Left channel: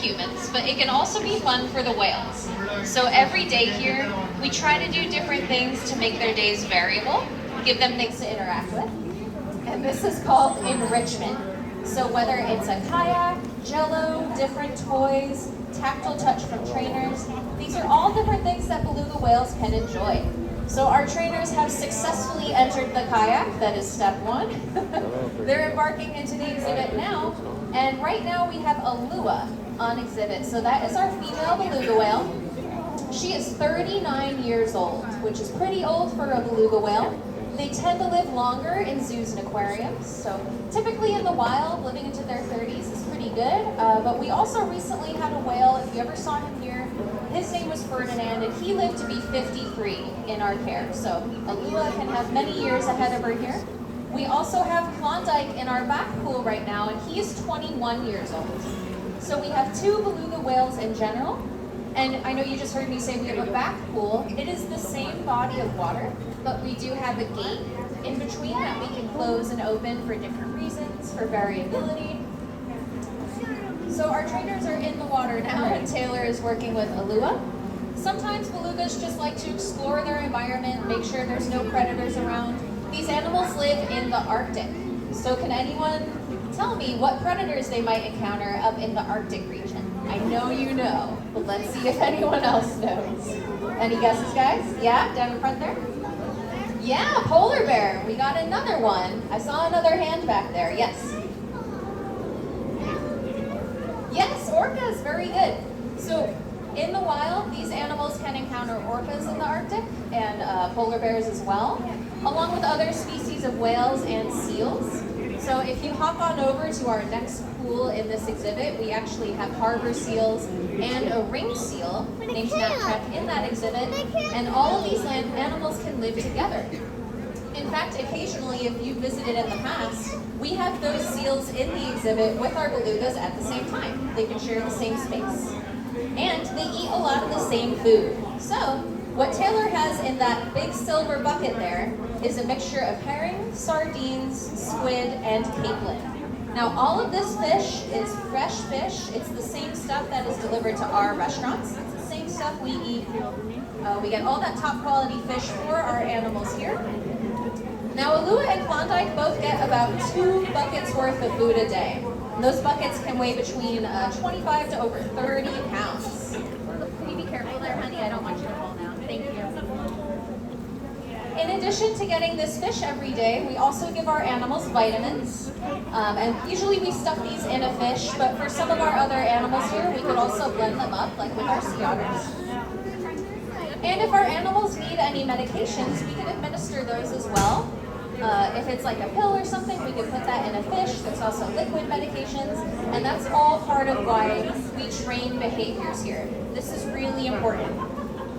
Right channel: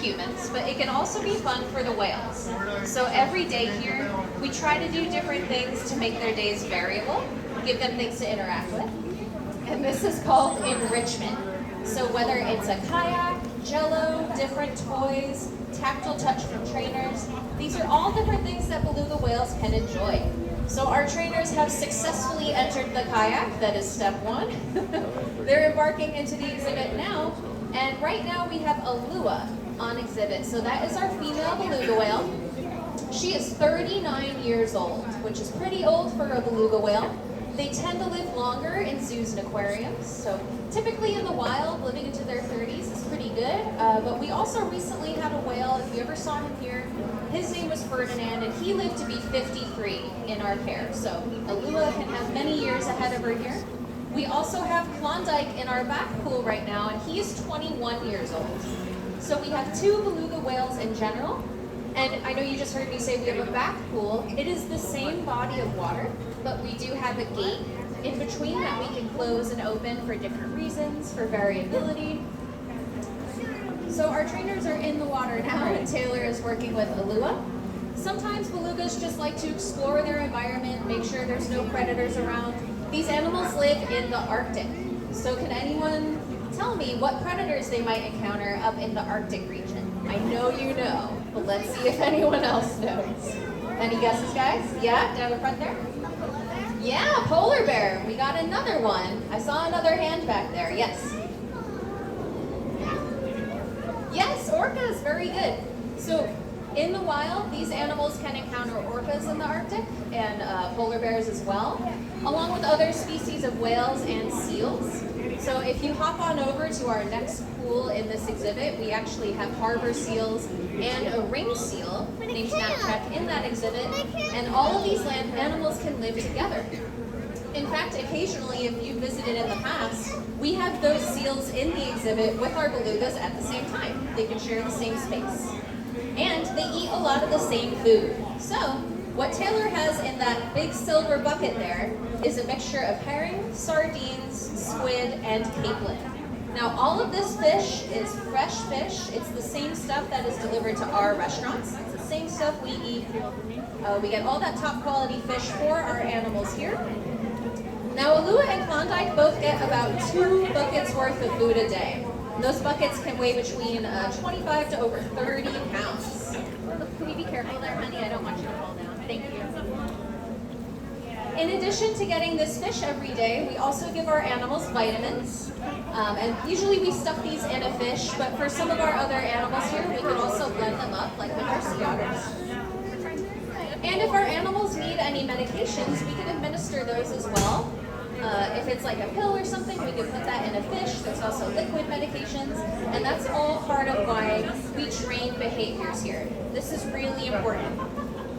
humans, but it can also be fun for the whales. So every day here, we try to do different things to make their days variable, give them things to interact with. And this is called enrichment. So whether it's a kayak, jello, different toys, tactile touch from trainers, these are all different things that beluga whales can enjoy. So our trainers have successfully entered the kayak, that is step one. They're embarking into the exhibit now, and right now we have Allua on exhibit. So that is our female beluga whale. She is 39 years old, which is pretty old for a beluga whale. They tend to live longer in zoos and aquariums, so typically in the wild, living into their 30s is pretty good. But we also recently had a whale, if you ever saw him here, his name was Ferdinand, and he lived to be 53 in our care. So Allua can have many years ahead of her here. We also have Klondike in our back pool right now, and he is 21 years old. So we have two beluga whales in general. And I know you just heard me say we have a back pool. It is the same body of water, but we do have a gate in between that we can close and open for different reasons, for variability. So our trainers are in the water now, and Taylor is working with Allua. Sometimes belugas just like to explore their environment, make sure there's no predators around. These animals live in the Arctic. So can anyone tell me what predators they might encounter up in the Arctic region? I know you know, but let's see if anyone else knows. Any guesses, guys? Yeah, down in front there? Yeah, polar bear. We got another one. I saw another hand back there. Yes. Yes, orcas. Very good. So in the wild, these animals can encounter orcas in the Arctic and polar bears as well, along with other species of whales and seals. So if you hop on over to our next pool in this exhibit, we actually have harbor seals and a ring seal named Snapchat in that exhibit, and all of these land animals can live together. In fact, occasionally, if you visited in the past, we have those seals in the exhibit with our belugas at the same time. They can share the same space. And they eat a lot of the same food. So what Taylor has in that big silver bucket there is a mixture of herring, sardines, squid, and capelin. Now all of this fish is fresh fish. It's the same stuff that is delivered to our restaurants. It's the same stuff we eat. We get all that top quality fish for our animals here. Now Allua and Klondike both get about 2 buckets worth of food a day. And those buckets can weigh between 25 to over 30 pounds. Can you be careful there, honey? I don't want you to fall down. Thank you. In addition to getting this fish every day, we also give our animals vitamins. And usually we stuff these in a fish, but for some of our other animals here, we could also blend them up, like with our sea otters. And if our animals need any medications, we can administer those as well. If it's like a pill or something, we can put that in a fish. There's also liquid medications, and that's all part of why we train behaviors here. This is really important.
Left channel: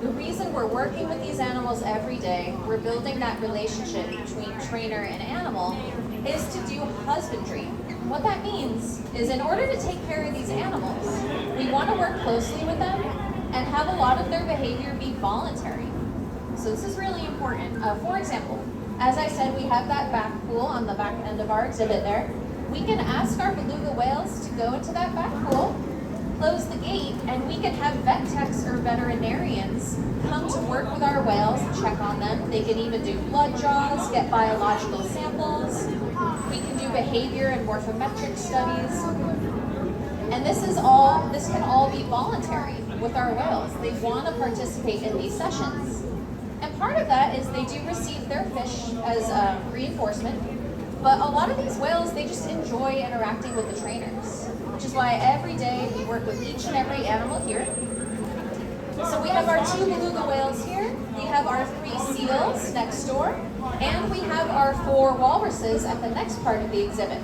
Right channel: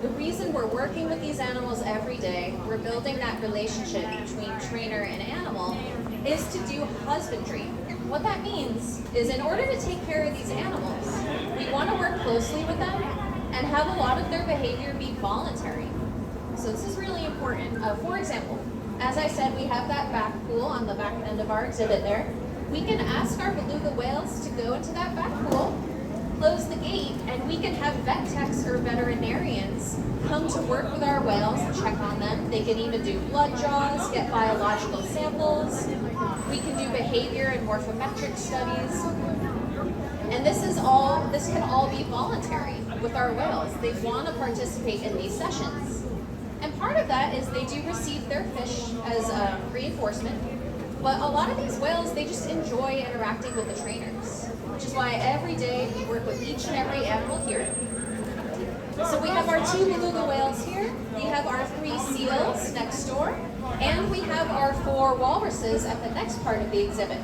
The reason we're working with these animals every day, we're building that relationship between trainer and animal, is to do husbandry. What that means is in order to take care of these animals, we want to work closely with them and have a lot of their behavior be voluntary. So this is really important. For example, as I said, we have that back pool on the back end of our exhibit there. We can ask our beluga whales to go into that back pool, close the gate, and we can have vet techs or veterinarians come to work with our whales and check on them. They can even do blood draws, get biological samples. We can do behavior and morphometric studies. And this can all be voluntary with our whales. They want to participate in these sessions. And part of that is they do receive their fish as reinforcement, but a lot of these whales, they just enjoy interacting with the trainers, which is why every day we work with each and every animal here. So we have our 2 beluga whales here, we have our 3 seals next door, and we have our 4 walruses at the next part of the exhibit.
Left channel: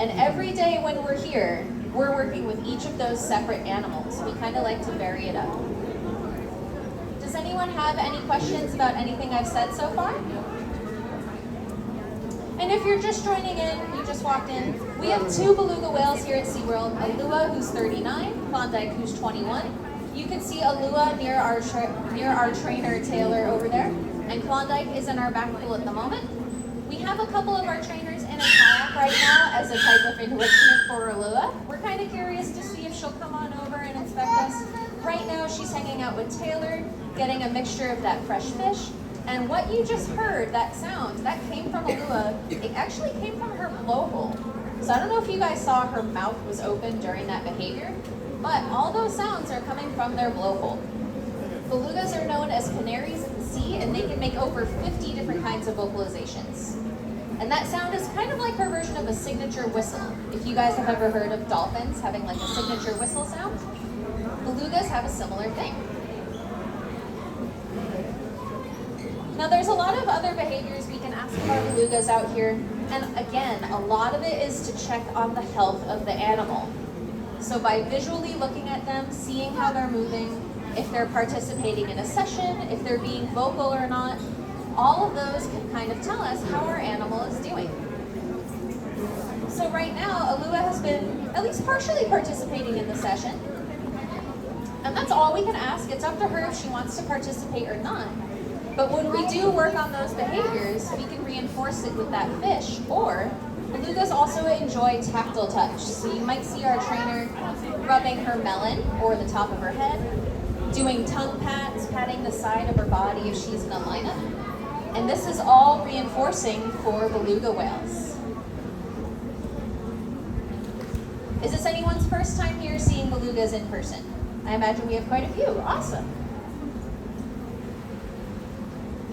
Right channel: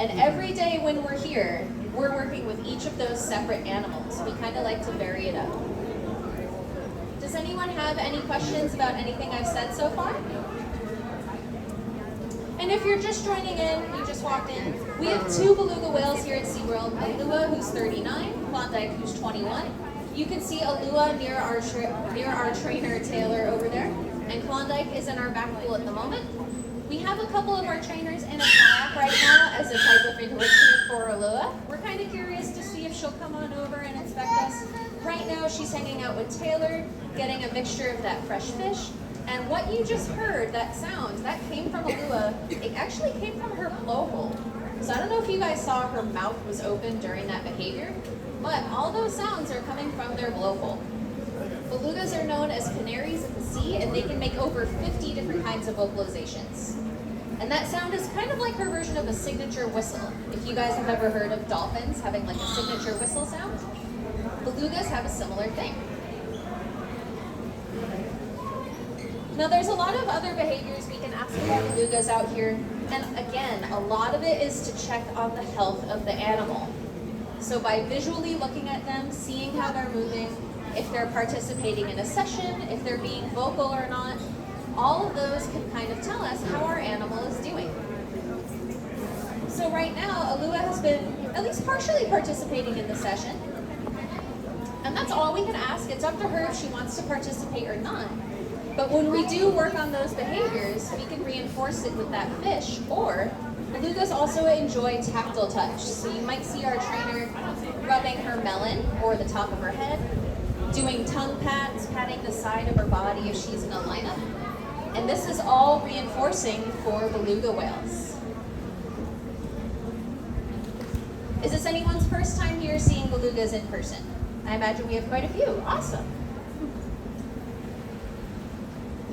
And every day when we're here, we're working with each of those separate animals. We kind of like to vary it up. Does anyone have any questions about anything I've said so far? And if you're just joining in, you just walked in, we have 2 beluga whales here at SeaWorld, Allua, who's 39, Klondike, who's 21. You can see Allua near our trainer, Taylor, over there, and Klondike is in our back pool at the moment. We have a couple of our trainers in a kayak right now as a type of enrichment for Allua. We're kind of curious to see if she'll come on over and inspect us. Right now she's hanging out with Taylor, getting a mixture of that fresh fish. And what you just heard, that sound, that came from Allua. It actually came from her blowhole. So I don't know if you guys saw her mouth was open during that behavior, but all those sounds are coming from their blowhole. Belugas are known as canaries in the sea, and they can make over 50 different kinds of vocalizations. And that sound is kind of like her version of a signature whistle. If you guys have ever heard of dolphins having like a signature whistle sound, belugas have a similar thing. Now there's a lot of other behaviors we can ask about belugas out here, and again, a lot of it is to check on the health of the animal. So by visually looking at them, seeing how they're moving, if they're participating in a session, if they're being vocal or not, all of those can kind of tell us how our animal is doing. So right now, Allua has been at least partially participating in the session. And that's all we can ask. It's up to her if she wants to participate or not. But when we do work on those behaviors, we can reinforce it with that fish. Or belugas also enjoy tactile touch. So you might see our trainer rubbing her melon or the top of her head, doing tongue pats, patting the side of her body if she's in a lineup. And this is all reinforcing for beluga whales. Is this anyone's first time here seeing belugas in person? I imagine we have quite a few. Awesome.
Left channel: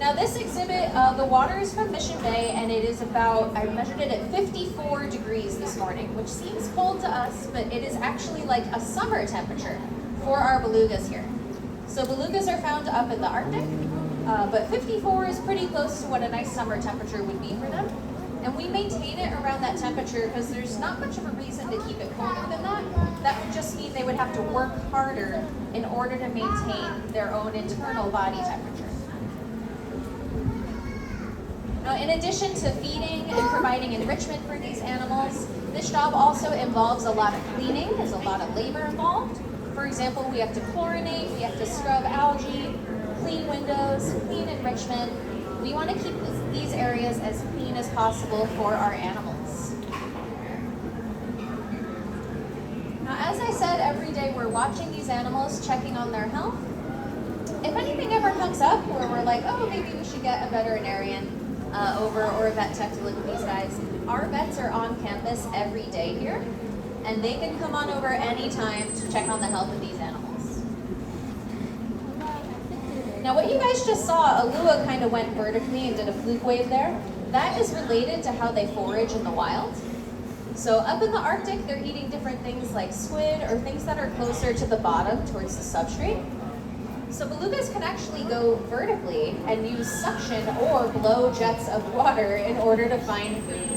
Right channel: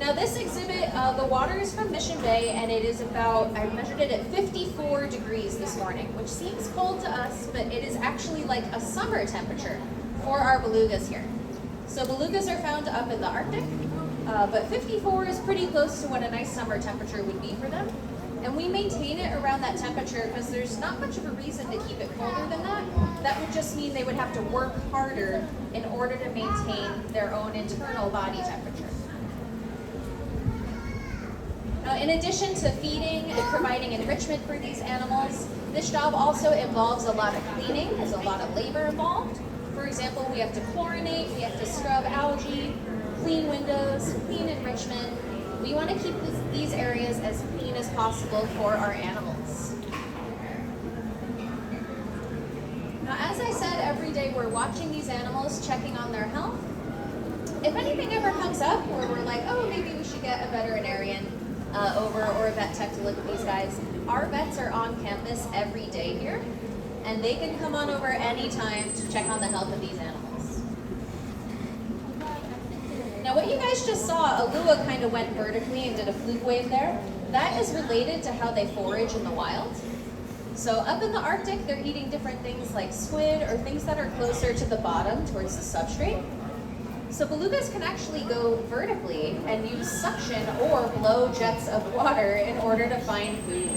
Now this exhibit, the water is from Mission Bay, and it is about, I measured it at 54 degrees this morning, which seems cold to us, but it is actually like a summer temperature for our belugas here. So belugas are found up in the Arctic, but 54 is pretty close to what a nice summer temperature would be for them. And we maintain it around that temperature because there's not much of a reason to keep it colder than that. That would just mean they would have to work harder in order to maintain their own internal body temperature. Now, in addition to feeding and providing enrichment for these animals, this job also involves a lot of cleaning. There's a lot of labor involved. For example, we have to chlorinate, we have to scrub algae, clean windows, clean enrichment. We want to keep these areas as clean as possible for our animals. Now, as I said, every day we're watching these animals, checking on their health. If anything ever comes up where we're like, oh, maybe we should get a veterinarian over or a vet tech to look at these guys, our vets are on campus every day here, and they can come on over anytime to check on the health of these animals. Now what you guys just saw, Allua kind of went vertically and did a fluke wave there. That is related to how they forage in the wild. So up in the Arctic, they're eating different things like squid or things that are closer to the bottom towards the substrate. So belugas can actually go vertically and use suction or blow jets of water in order to find food.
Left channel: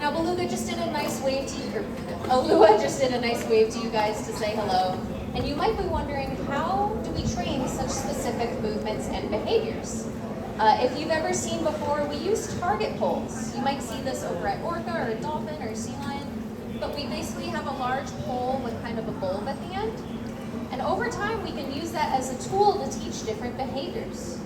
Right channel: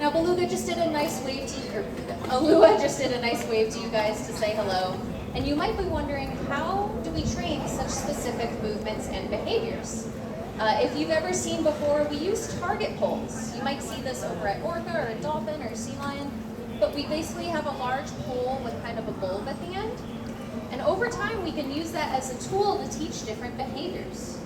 Now Beluga just did a nice wave to you, or Allua just did a nice wave to you guys to say hello. And you might be wondering, how do we train such specific movements and behaviors? If you've ever seen before, we use target poles. You might see this over at orca or a dolphin or a sea lion, but we basically have a large pole with kind of a bulb at the end. And over time, we can use that as a tool to teach different behaviors.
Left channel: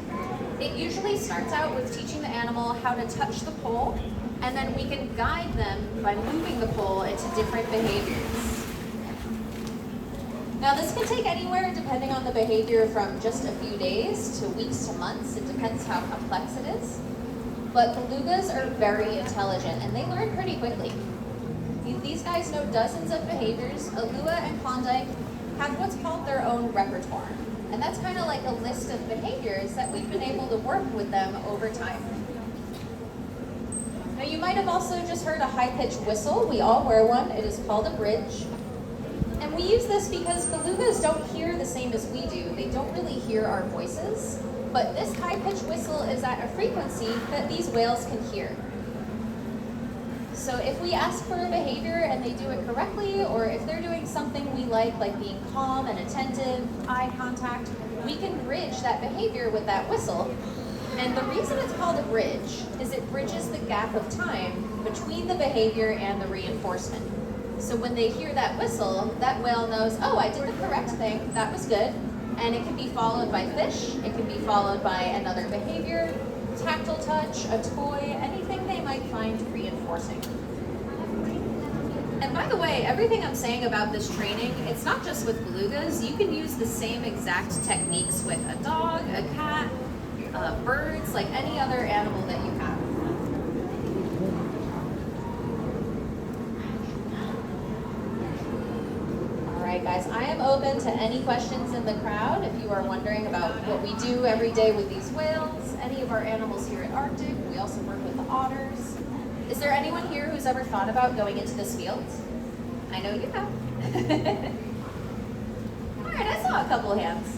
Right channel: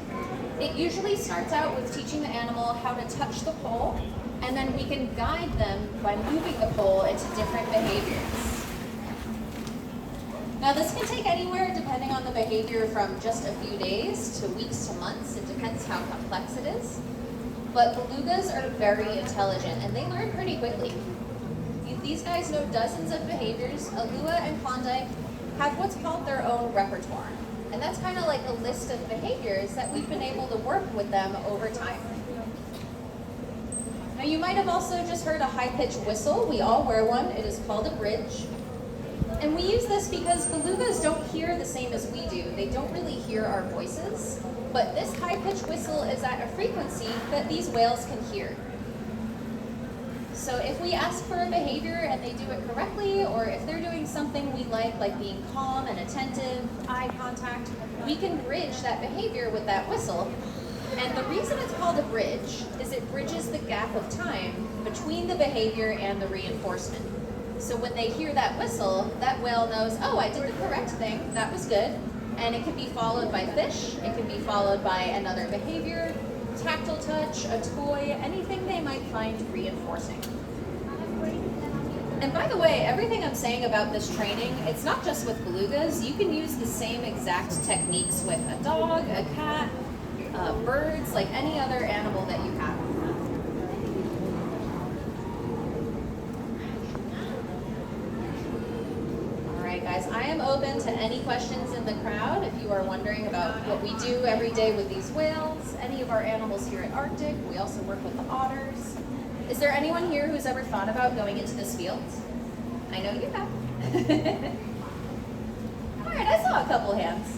It usually starts out with teaching the animal how to touch the pole, and then we can guide them by moving the pole into different behaviors. Now this can take anywhere, depending on the behavior, from just a few days to weeks to months. It depends how complex it is. But belugas are very intelligent, and they learn pretty quickly. These guys know dozens of behaviors. Allua and Klondike have what's called their own repertoire. And that's kind of like a list of behaviors that we've been able to work with them over time. Now you might have also just heard a high-pitched whistle. We all wear one. It is called a bridge. And we use this because belugas don't hear the same as we do. They don't really hear our voices. But this high-pitched whistle is at a frequency that these whales can hear. So if we ask for a behavior and they do it correctly, or if they're doing something we like being calm and attentive, eye contact, we can bridge that behavior with that whistle. And the reason it's called a bridge is it bridges the gap of time between the behavior and the reinforcement. So when they hear that whistle, that whale knows, oh, I did the correct thing, that was good. And it can be followed by fish, it can be followed by another behavior, tactile touch, a toy, anything they might find reinforcing. And by the way, everything I'm saying about this training, it's not just with belugas. You can use the same exact techniques with a dog, a cat, birds, like any other animal that you have. All right, guys, I am open to any questions in the crowd. If you are wondering about what we do every day with these whales, any of our animals here at Arctic, we also work with the otters. Is there anyone here who's ever thought about going into this field? I know you have. All right, I saw a couple hands.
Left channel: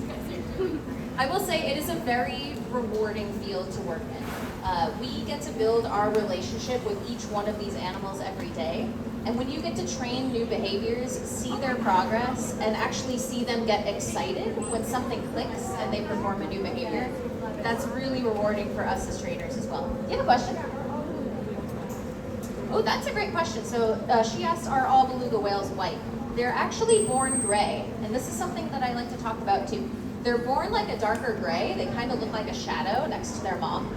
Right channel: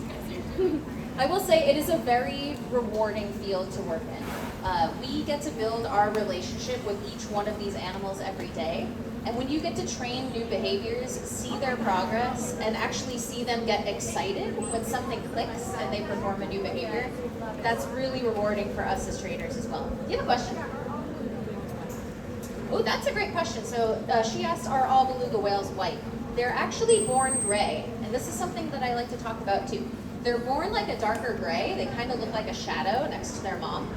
I will say it is a very rewarding field to work in. We get to build our relationship with each one of these animals every day. And when you get to train new behaviors, see their progress, and actually see them get excited when something clicks and they perform a new behavior, that's really rewarding for us as trainers as well. Do you have a question? Oh, that's a great question. So she asked, are all beluga whales white? They're actually born gray, and this is something that I like to talk about too. They're born like a darker gray. They kind of look like a shadow next to their mom.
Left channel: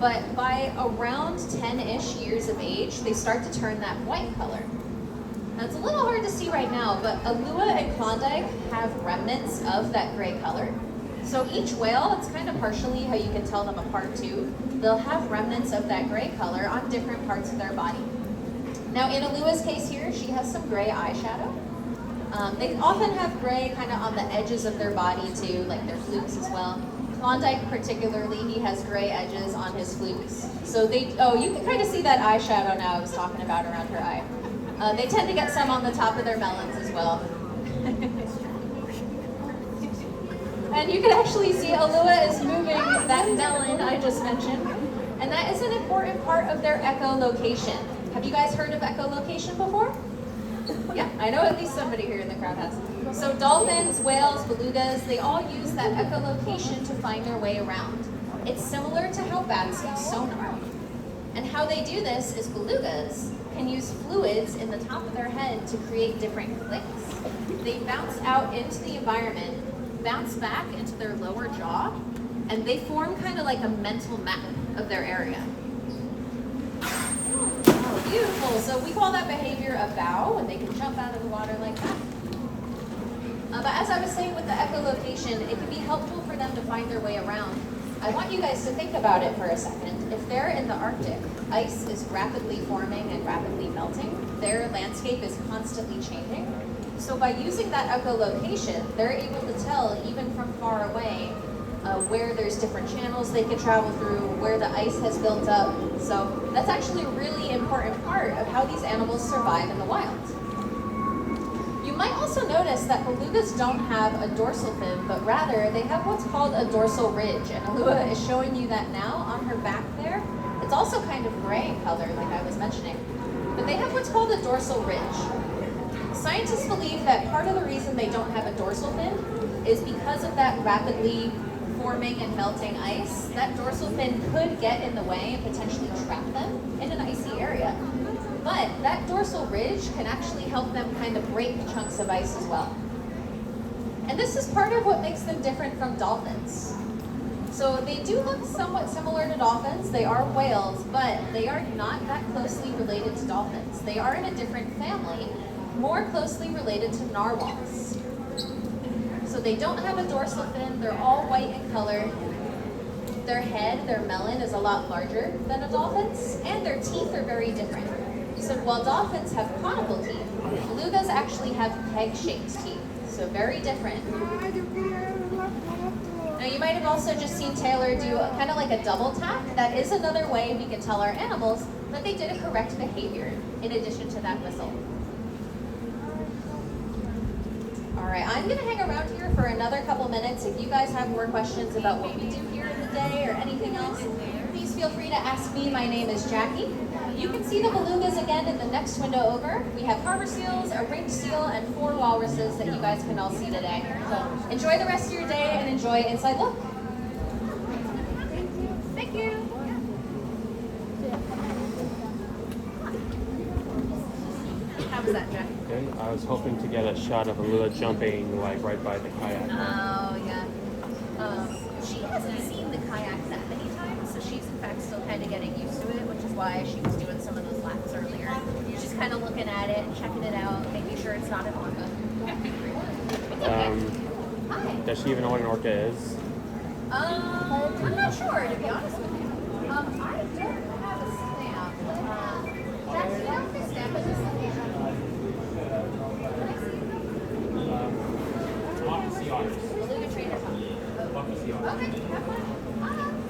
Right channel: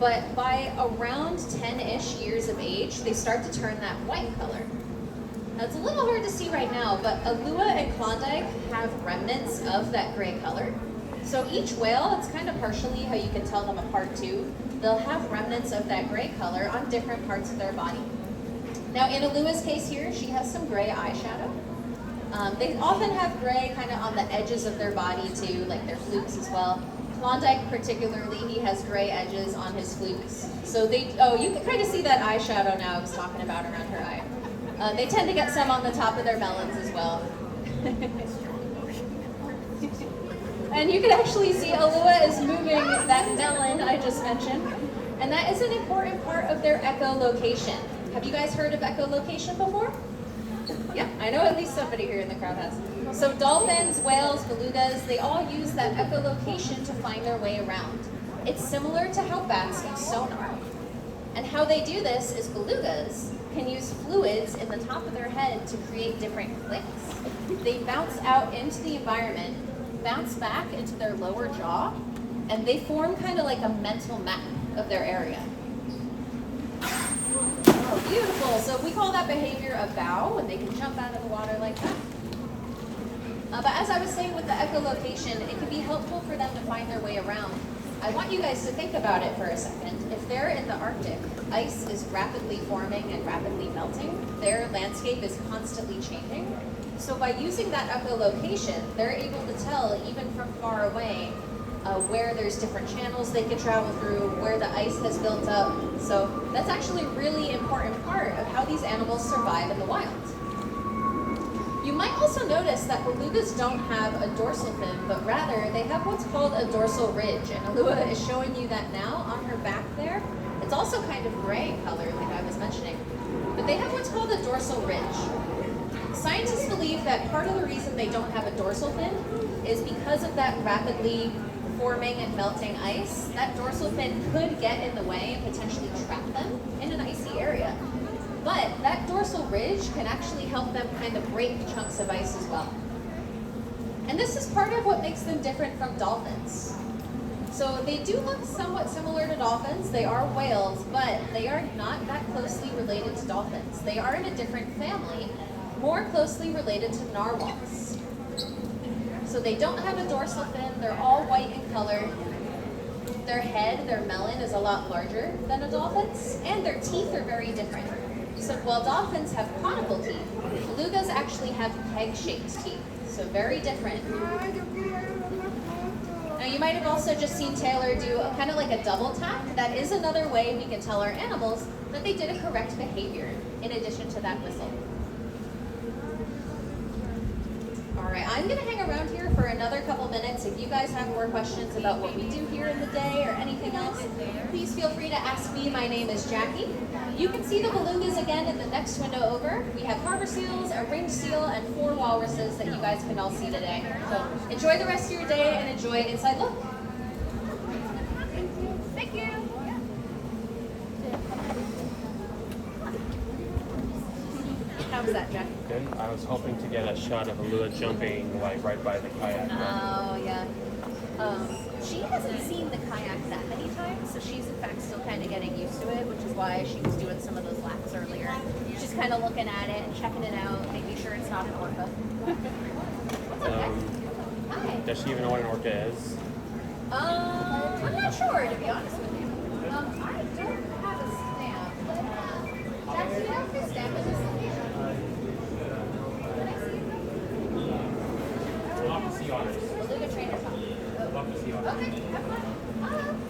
But by around 10-ish years of age, they start to turn that white color. Now it's a little hard to see right now, but Allua and Klondike have remnants of that gray color. So each whale, it's kind of partially how you can tell them apart too. They'll have remnants of that gray color on different parts of their body. Now in Allua's case here, she has some gray eyeshadow. They often have gray kind of on the edges of their body too, like their flukes as well. Klondike particularly, he has gray edges on his flukes. So you can kind of see that eyeshadow now I was talking about around her eye. They tend to get some on the top of their melons as well. And you can actually see Allua is moving that melon I just mentioned. And that is an important part of their echolocation. Have you guys heard of echolocation before? Yeah, I know at least somebody here in the crowd has. So dolphins, whales, belugas, they all use that echolocation to find their way around. It's similar to how bats use sonar. And how they do this is belugas can use fluids in the top of their head to create different clicks. They bounce out into the environment, bounce back into their lower jaw, and they form kind of like a mental map of their area. Oh, beautiful. So we call that behavior a bow, and they can jump out of the water like that. But as I was saying with the echolocation, it can be helpful for them to find their way around. I want you guys to think about it for a second. If they're in the Arctic, ice is rapidly forming and rapidly melting. Their landscape is constantly changing. So by using that echolocation, they're able to tell, even from far away, where there's different channels they can travel through, where the ice has built up. So that's actually a really important part of how these animals survive in the wild. You might also notice that belugas don't have a dorsal fin, but rather they have what's called a dorsal ridge. And Allua is showing you that now on her back there. It's also kind of gray in color, like I was mentioning. But they have what's called a dorsal ridge. Scientists believe that part of the reason they don't have a dorsal fin is because of that rapidly forming and melting ice. That dorsal fin could get in the way and potentially trap them in an icy area. But that dorsal ridge can actually help them kind of break chunks of ice as well. And this is part of what makes them different from dolphins. So they do look somewhat similar to dolphins. They are whales, but they are not that closely related to dolphins. They are in a different family, more closely related to narwhals. So they don't have a dorsal fin. They're all white in color. Their head, their melon, is a lot larger than a dolphin's, and their teeth are very different. So while dolphins have conical teeth, belugas actually have peg-shaped teeth, so very different. Now you might have also just seen Taylor do kind of like a double tap. That is another way we can tell our animals that they did a correct behavior in addition to that whistle. All right, I'm gonna hang around here for another couple minutes. If you guys have more questions about what we do here in the day or anything else, please feel free to ask me. My name is Jackie. You can see the belugas again in the next window over. We have harbor seals, a ringed seal, and 4 walruses that you guys can all see today. So enjoy the rest of your day and enjoy Inside Look. Thank you. How was that, Jack? Okay, I was hoping to get a shot of Allua jumping like right by the kayak. Oh, yeah. She hasn't seen the kayak that many times, so she's fact, still kind of getting used to it, which is why she was doing some of those laps earlier. She's kind of looking at it and checking it out, making sure it's not an orca. Hi. Does she even know what an orca is? I'm not sure, to be honest with you. I don't have a stamp. Jack, do you have a stamp in this location? Can I see Lots of sea otters. Beluga trainer top. Lots of sea otters. Okay, have fun.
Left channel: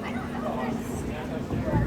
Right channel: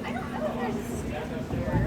I don't know if there's a stamp.